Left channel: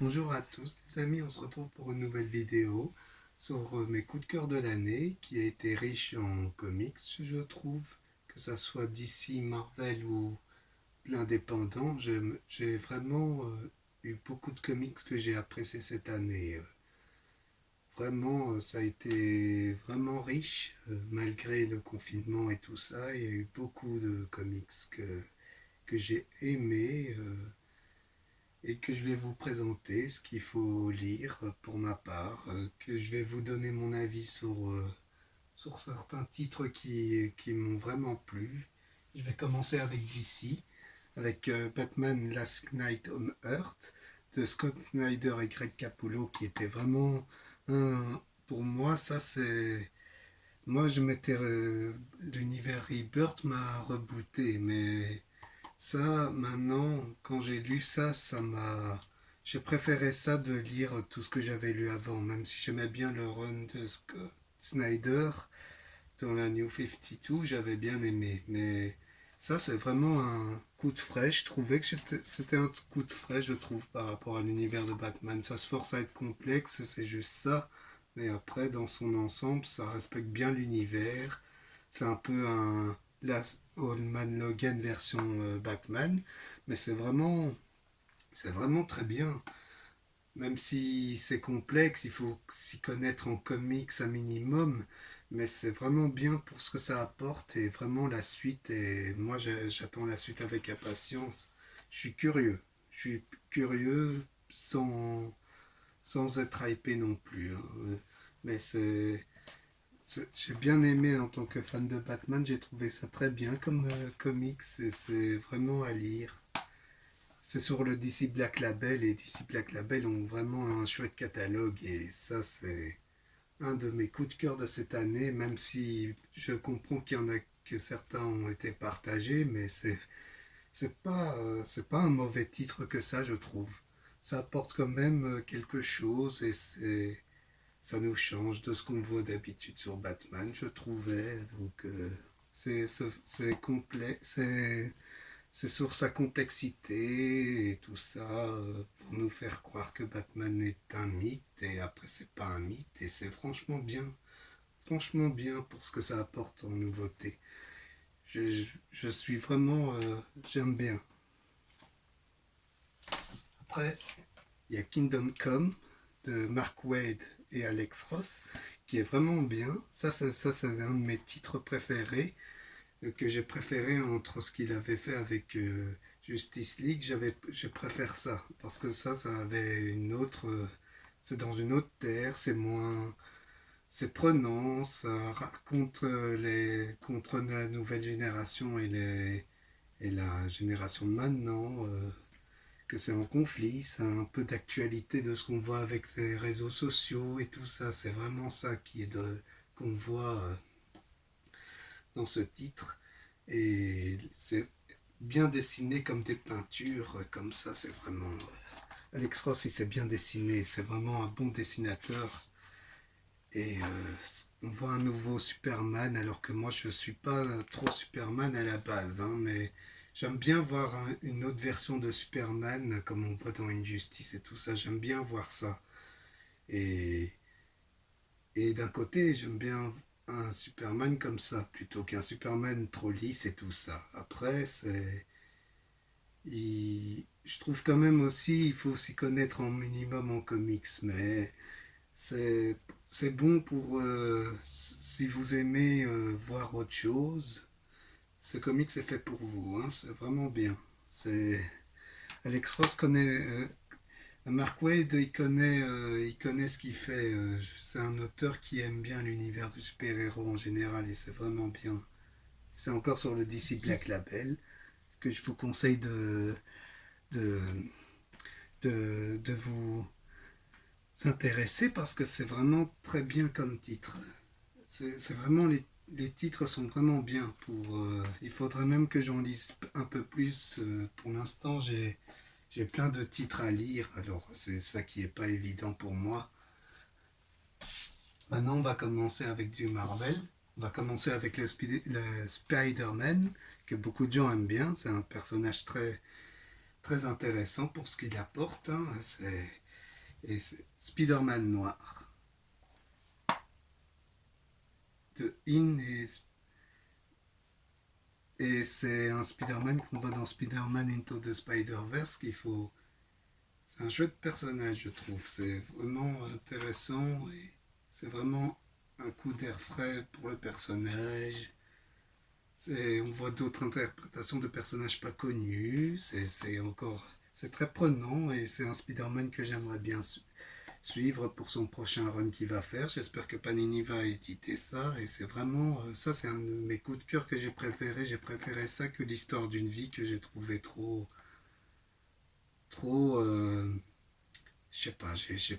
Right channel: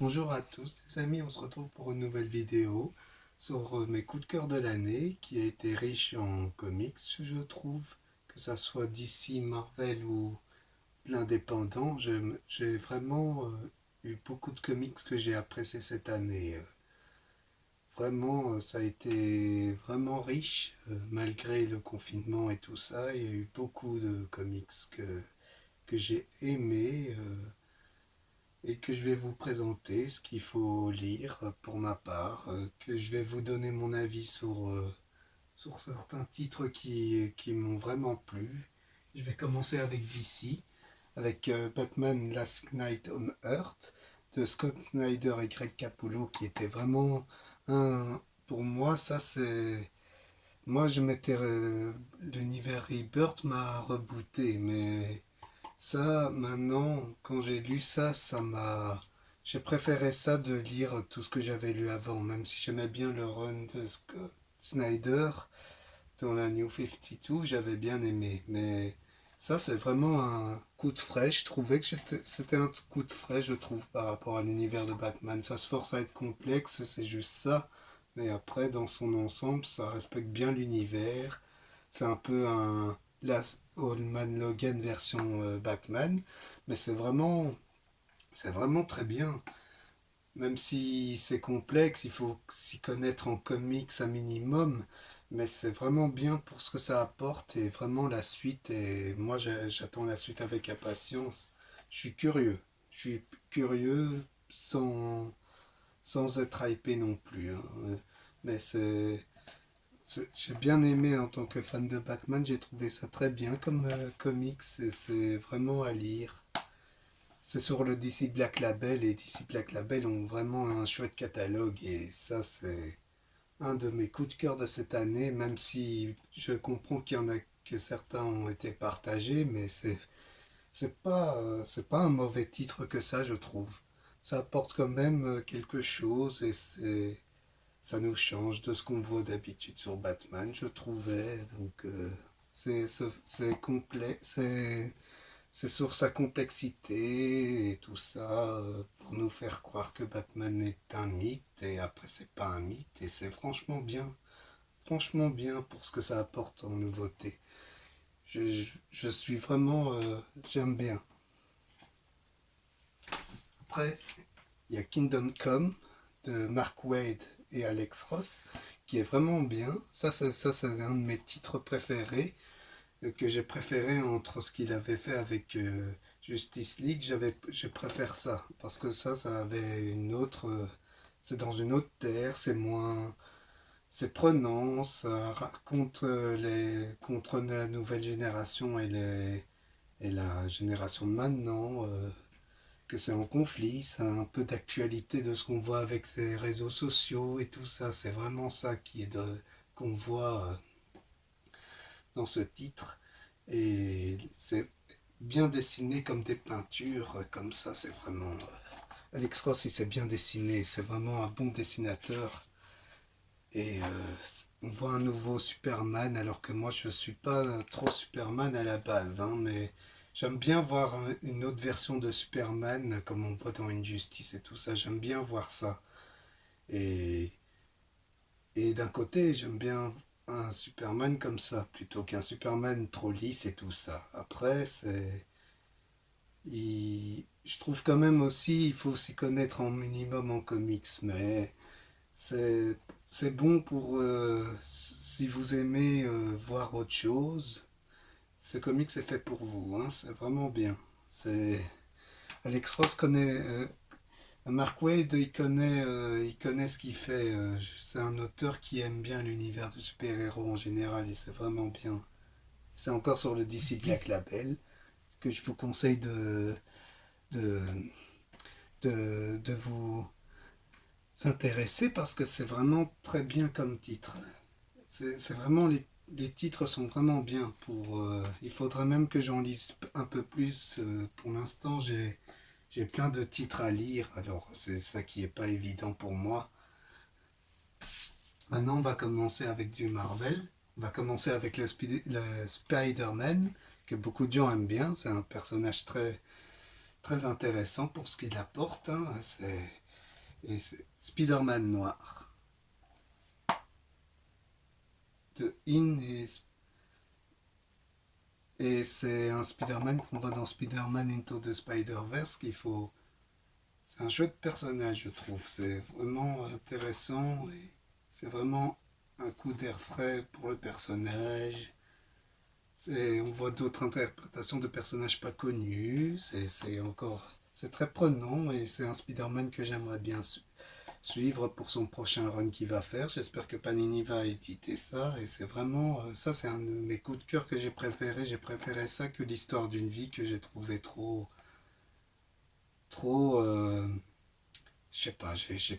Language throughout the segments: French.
Bonjour à tous les amis, on se retrouve pour une nouvelle vidéo sur mes coups de cœur de l'année qui a été riche en comics, je trouve, que ça soit DC, Marvel ou l'indépendant. J'ai vraiment eu beaucoup de comics que j'ai appréciés cette année. Vraiment, ça a été vraiment riche malgré le confinement et tout ça. Il y a eu beaucoup de comics que j'ai aimés. Et que je vais vous présenter ce qu'il faut lire pour ma part, que je vais vous donner mon avis sur certains titres qui m'ont vraiment plu. Je vais commencer avec DC, avec Batman Last Night on Earth de Scott Snyder et Greg Capullo, qui était vraiment un... Pour moi, ça c'est... Moi, je m'étais... L'univers Rebirth m'a rebooté, mais ça, maintenant, quand j'ai lu ça, ça m'a... J'ai préféré ça de lire tout ce que j'avais lu avant, même si j'aimais bien le run de Scott Snyder dans la New 52, j'avais bien aimé. Mais ça, c'est vraiment un coup de frais. Je trouvais que c'était un coup de frais, je trouve, par rapport à l'univers de Batman. Ça se force à être complexe, c'est juste ça. Mais après, dans son ensemble, ça respecte bien l'univers. C'est un peu un Last Allman Logan version Batman, mais c'est vraiment très bien. Même si c'est complexe, il faut s'y connaître en comics un minimum, mais c'est vraiment bien pour ce que ça apporte et vraiment la suite. Et moi, j'attends la suite avec impatience. Je suis curieux. Je suis curieux sans être hypé non plus, hein. Mais j'ai bien aimé en tant que fan de Batman, j'ai trouvé ça très bien comme comics et c'est vraiment à lire. C'est sur le DC Black Label et DC Black Label ont vraiment un chouette catalogue et ça c'est un de mes coups de cœur de cette année, même si je comprends qu'il y en a que certains ont été partagés, mais c'est pas un mauvais titre que ça je trouve. Ça apporte quand même quelque chose et ça nous change de ce qu'on voit d'habitude sur Batman, je trouvais. Donc c'est complet, c'est sur sa complexité et tout ça pour nous faire croire que Batman est un mythe et après c'est pas un mythe et c'est franchement bien pour ce que ça apporte en nouveauté. Je suis vraiment, j'aime bien. Après, il y a Kingdom Come de Mark Waid et Alex Ross qui est vraiment bien. Ça c'est un de mes titres préférés que j'ai préféré entre ce qu'il avait fait avec Justice League. Je préfère ça parce que ça avait une autre, c'est dans une autre terre, c'est moins, c'est prenant, ça raconte contre la nouvelle génération et la génération de maintenant. Que c'est en conflit, c'est un peu d'actualité de ce qu'on voit avec les réseaux sociaux et tout ça. C'est vraiment ça qu'on voit dans ce titre. Et c'est bien dessiné comme des peintures, comme ça, c'est vraiment... Alex Ross, il s'est bien dessiné, c'est vraiment un bon dessinateur. Et on voit un nouveau Superman, alors que moi, je suis pas trop Superman à la base, hein, mais j'aime bien voir une autre version de Superman, comme on voit dans Injustice et tout ça, j'aime bien voir ça. Et, et d'un côté, j'aime bien un Superman comme ça, plutôt qu'un Superman trop lisse et tout ça. Après, je trouve quand même aussi, il faut s'y connaître en minimum en comics, mais c'est, c'est bon pour si vous aimez voir autre chose. Ce comics est fait pour vous, hein, c'est vraiment bien. C'est Alex Ross connaît Mark Waid, il connaît ce qu'il fait. C'est un auteur qui aime bien l'univers du super-héros en général et c'est vraiment bien. C'est encore sur le DC Black Label que je vous conseille de, de vous intéresser parce que c'est vraiment très bien comme titre. C'est vraiment les titres sont vraiment bien pour. Il faudrait même que j'en lise un peu plus. Pour l'instant, j'ai plein de titres à lire, alors c'est ça qui est pas évident pour moi. Maintenant, on va commencer avec du Marvel. On va commencer avec le Spider-Man, que beaucoup de gens aiment bien. C'est un personnage très, très intéressant pour ce qu'il apporte, hein. Et c'est Spider-Man noir de In et c'est un Spider-Man qu'on voit dans Spider-Man Into the Spider-Verse qu'il faut. C'est un chouette personnage, je trouve. C'est vraiment intéressant et c'est vraiment un coup d'air frais pour le personnage. On voit d'autres interprétations de personnages pas connus. C'est très prenant et c'est un Spider-Man que j'aimerais bien suivre pour son prochain run qu'il va faire. J'espère que Panini va éditer ça et c'est vraiment ça, c'est un de mes coups de cœur que j'ai préféré. J'ai préféré ça que l'histoire d'une vie que j'ai trouvé trop. Je sais pas, j'ai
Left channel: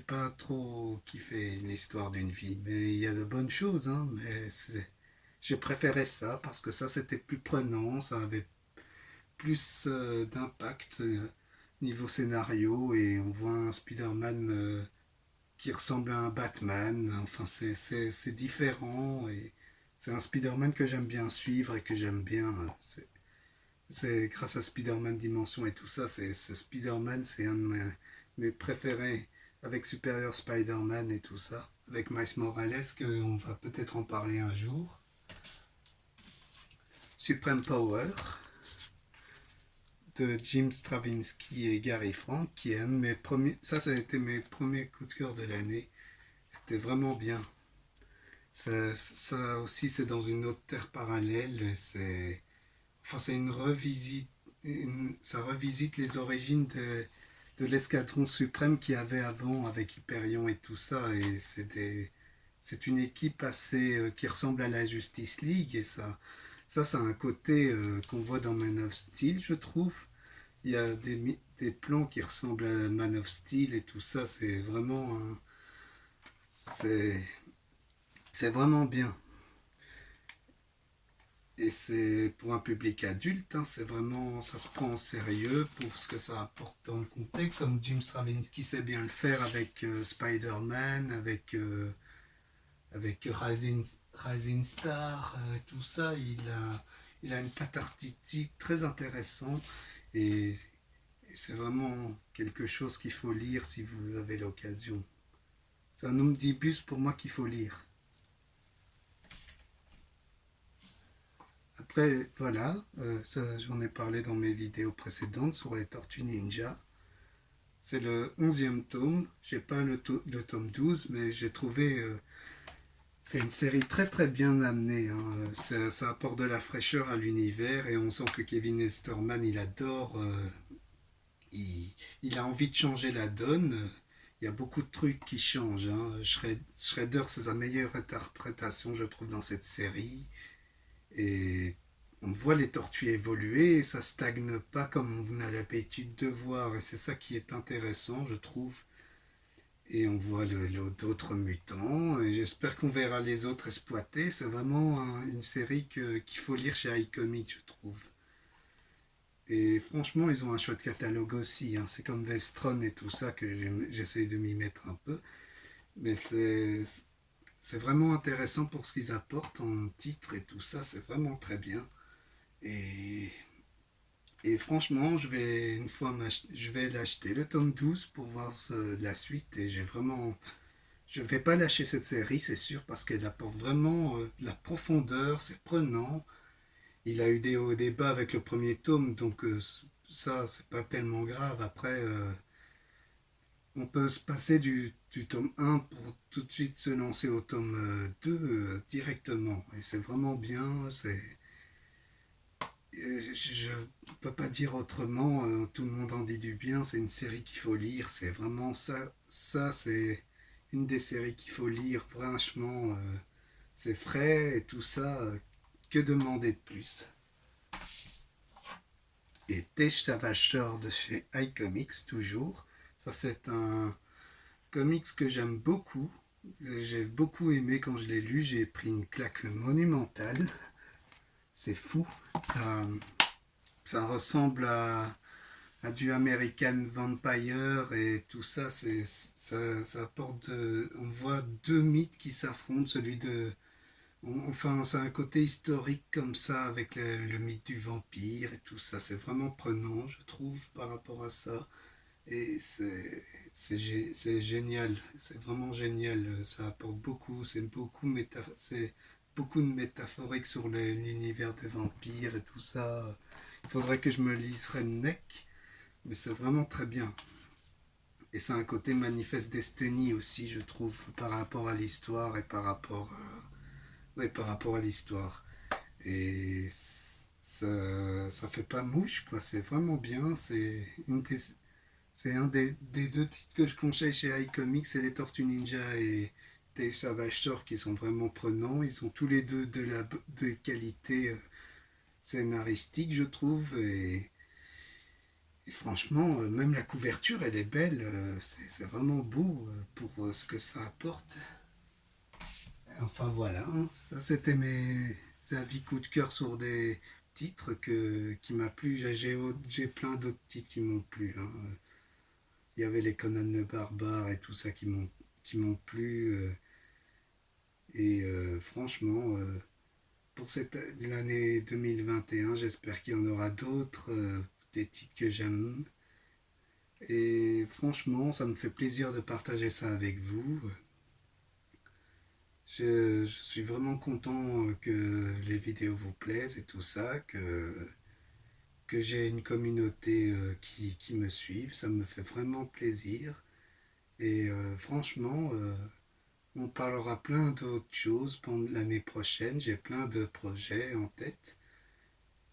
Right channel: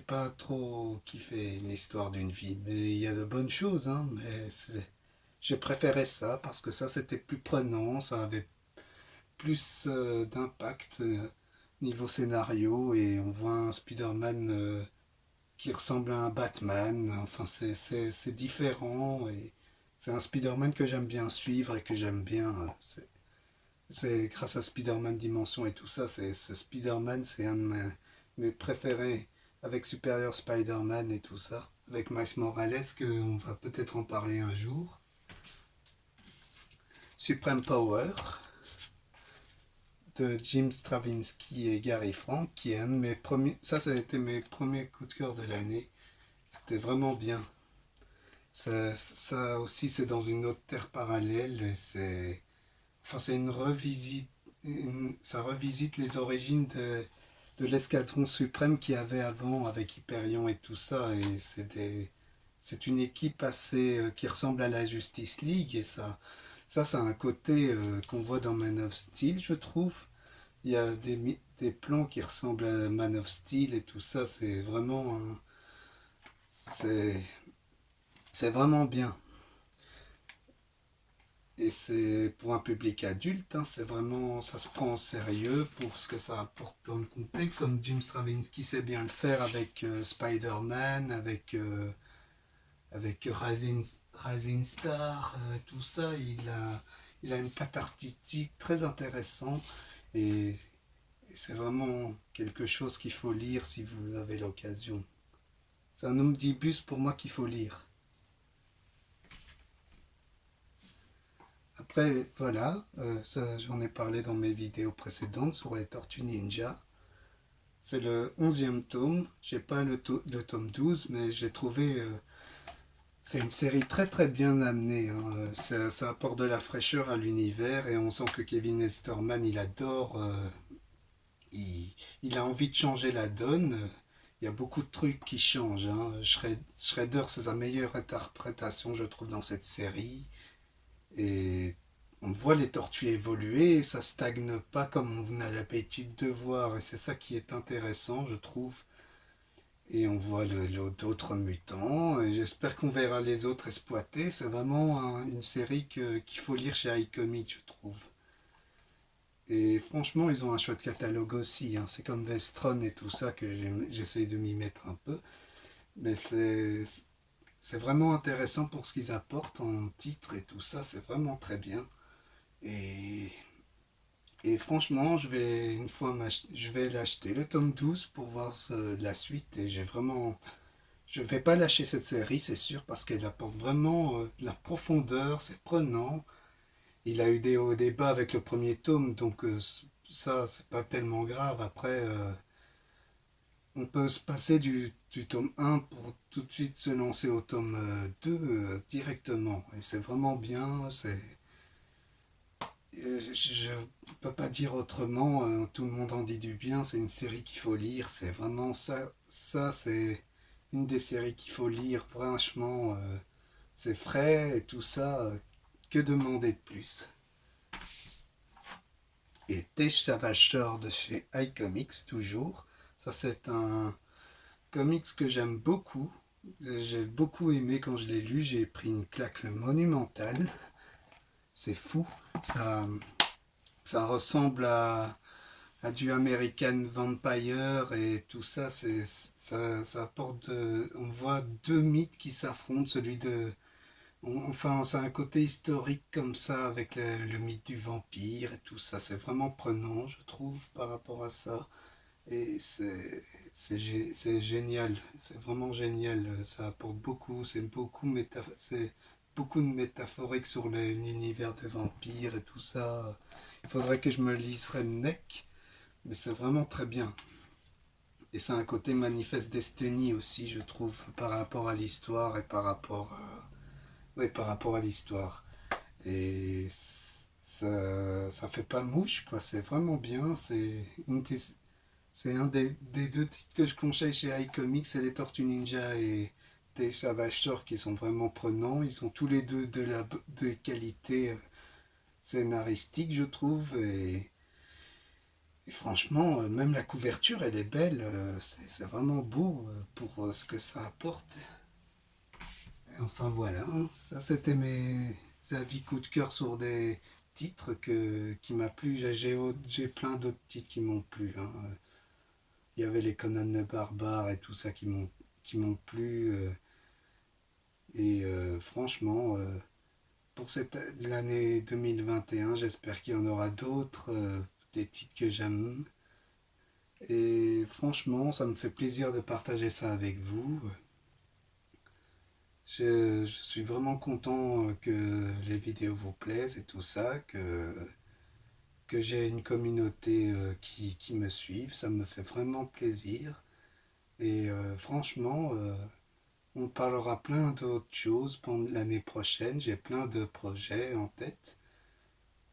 pas trop kiffé l'histoire d'une vie, mais il y a de bonnes choses, hein, j'ai préféré ça parce que ça c'était plus prenant, ça avait plus d'impact niveau scénario et on voit un Spider-Man qui ressemble à un Batman, enfin c'est différent et c'est un Spider-Man que j'aime bien suivre et que j'aime bien. C'est grâce à Spider-Man Dimension et tout ça, ce Spider-Man, c'est un de mes préférés avec Superior Spider-Man et tout ça, avec Miles Morales, qu'on va peut-être en parler un jour. Supreme Power de Jim Straczynski et Gary Frank, qui est un de mes premiers. Ça a été mes premiers coups de cœur de l'année. C'était vraiment bien. Ça aussi, c'est dans une autre terre parallèle. C'est une revisite. Ça revisite les origines de l'escadron suprême qu'il y avait avant avec Hyperion et tout ça. Et c'est une équipe assez qui ressemble à la Justice League. Et ça a un côté qu'on voit dans Man of Steel, je trouve. Il y a des plans qui ressemblent à Man of Steel et tout ça. C'est, c'est vraiment bien. Et c'est pour un public adulte, hein, c'est vraiment, ça se prend en sérieux pour ce que ça apporte dans le contexte, comme Jim Straczynski sait bien le faire avec Spider-Man, avec Rising Star, tout ça, il a une patte artistique très intéressante et c'est vraiment quelque chose qu'il faut lire si vous avez l'occasion. C'est un omnibus pour moi qu'il faut lire. Après, voilà, ça j'en ai parlé dans mes vidéos précédentes sur les Tortues Ninja. C'est le 11e tome. J'ai pas le tome 12, mais j'ai trouvé. C'est une série très très bien amenée, hein. Ça apporte de la fraîcheur à l'univers et on sent que Kevin Esterman, il adore. Il, il a envie de changer la donne. Il y a beaucoup de trucs qui changent, hein. Shredder, c'est sa meilleure interprétation, je trouve, dans cette série. Et on voit les tortues évoluer et ça stagne pas comme on a l'habitude de voir. Et c'est ça qui est intéressant, je trouve. Et on voit d'autres mutants. Et j'espère qu'on verra les autres exploités. C'est vraiment une série qu'il faut lire chez iComics, je trouve. Et franchement, ils ont un chouette catalogue aussi, hein. C'est comme Vestron et tout ça que j'essaye de m'y mettre un peu. Mais c'est vraiment intéressant pour ce qu'ils apportent en titre et tout ça. C'est vraiment très bien. Et, et franchement, je vais l'acheter le tome 12 pour voir la suite. Et je vais pas lâcher cette série, c'est sûr, parce qu'elle apporte vraiment de la profondeur, c'est prenant. Il a eu des hauts et des bas avec le premier tome, donc ça, c'est pas tellement grave. Après, on peut se passer du tome 1 pour tout de suite se lancer au tome 2 directement. Et c'est vraiment bien, je ne peux pas dire autrement, tout le monde en dit du bien, c'est une série qu'il faut lire, c'est vraiment ça c'est une des séries qu'il faut lire, franchement, c'est frais et tout ça, que demander de plus. Et Tej Savashore de chez iComics, toujours, ça c'est un comics que j'aime beaucoup, j'ai beaucoup aimé quand je l'ai lu, j'ai pris une claque monumentale, c'est fou, ça, ça ressemble à du American Vampire et tout ça, ça apporte, on voit deux mythes qui s'affrontent, enfin c'est un côté historique comme ça avec le mythe du vampire et tout ça, c'est vraiment prenant je trouve par rapport à ça Et c'est génial, c'est vraiment génial. Ça apporte beaucoup, c'est beaucoup de métaphorique sur l'univers des vampires et tout ça. Il faudrait que je me lise Redneck, mais c'est vraiment très bien. Et c'est un côté manifeste Destiny aussi, je trouve, par rapport à l'histoire et ouais, par rapport à l'histoire. Et ça fait pas mouche, quoi. C'est vraiment bien. C'est un des deux titres que je conseille chez iComics, c'est les Tortues Ninja et des Savage Sword qui sont vraiment prenants. Ils ont tous les deux de qualité scénaristique, je trouve. Et franchement, même la couverture, elle est belle. C'est vraiment beau pour ce que ça apporte. Enfin voilà, hein. Ça c'était mes avis coup de cœur sur des titres qui m'a plu. J'ai plein d'autres titres qui m'ont plu, hein. Il y avait les Conan le Barbare et tout ça qui m'ont plu. Franchement, pour l'année 2021, j'espère qu'il y en aura d'autres, des titres que j'aime. Et franchement, ça me fait plaisir de partager ça avec vous. Je suis vraiment content que les vidéos vous plaisent et tout ça, que j'ai une communauté qui me suive. Ça me fait vraiment plaisir. Et franchement, on parlera plein d'autres choses pendant l'année prochaine. J'ai plein de projets en tête.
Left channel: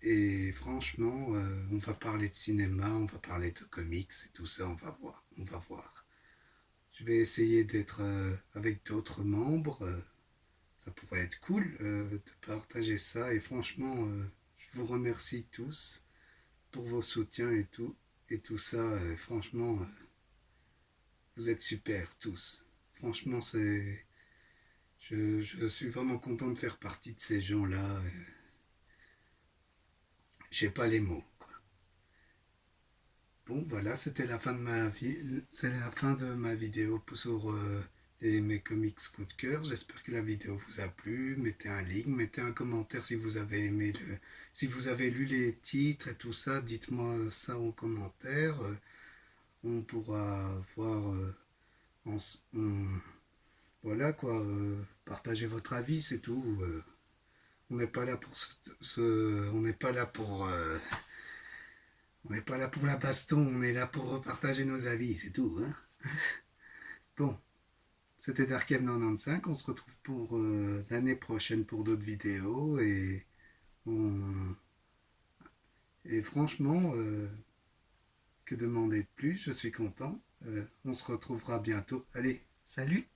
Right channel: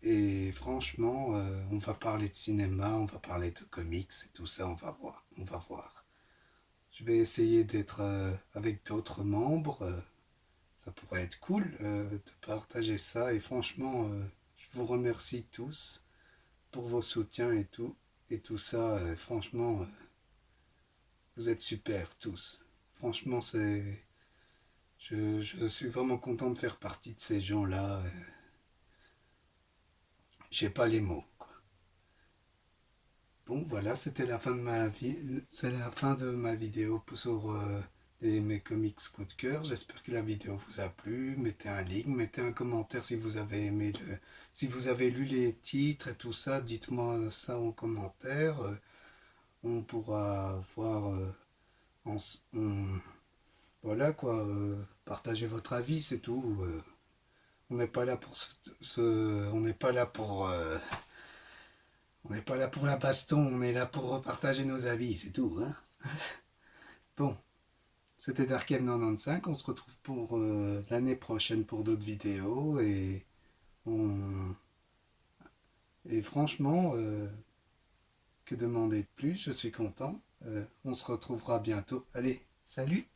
Et franchement, on va parler de cinéma, on va parler de comics et tout ça, on va voir. On va voir. Je vais essayer d'être avec d'autres membres. Ça pourrait être cool de partager ça. Et franchement, je vous remercie tous pour vos soutiens et tout ça. Franchement, vous êtes super tous. Franchement, je suis vraiment content de faire partie de ces gens-là. J'ai pas les mots, quoi. Bon, voilà, c'était la fin de ma vie. C'est la fin de ma vidéo sur mes comics coup de cœur. J'espère que la vidéo vous a plu. Mettez un like, mettez un commentaire si vous avez aimé si vous avez lu les titres et tout ça. Dites-moi ça en commentaire. On pourra voir. Voilà quoi. Partagez votre avis, c'est tout. On n'est pas là pour on n'est pas là pour. On n'est pas là pour la baston, on est là pour partager nos avis, c'est tout, hein. Bon, c'était Darkem 95, on se retrouve pour l'année prochaine pour d'autres vidéos on... et franchement, que demander de plus, je suis content. On se retrouvera bientôt. Allez, salut!